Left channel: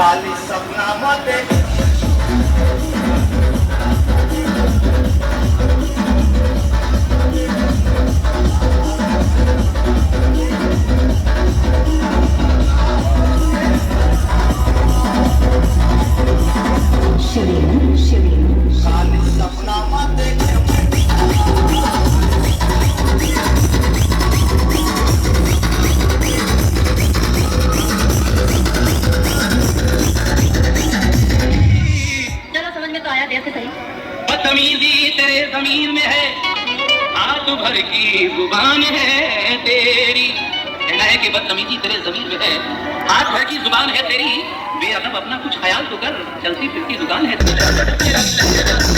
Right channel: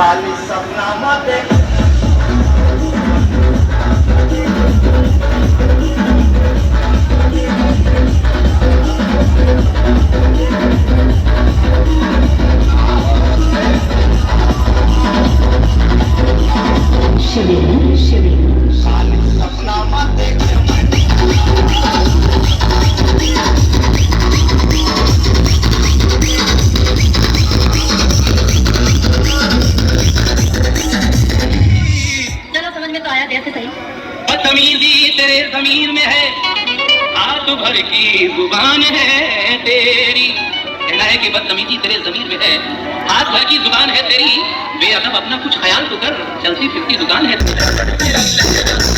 खाली स्वप्नामध्ये खाली स्वप्नामध्ये बदतमीजी तेरे जमीन में है, हाथ भर की जुबान है तेरी। कहना है कि बदतमीजी तेरे जमीन में है, हाथ भर की जुबान है तेरी। बेअदब अपना कुछ ख्याल तो कर, चलती फिरती दुकान है तेरी।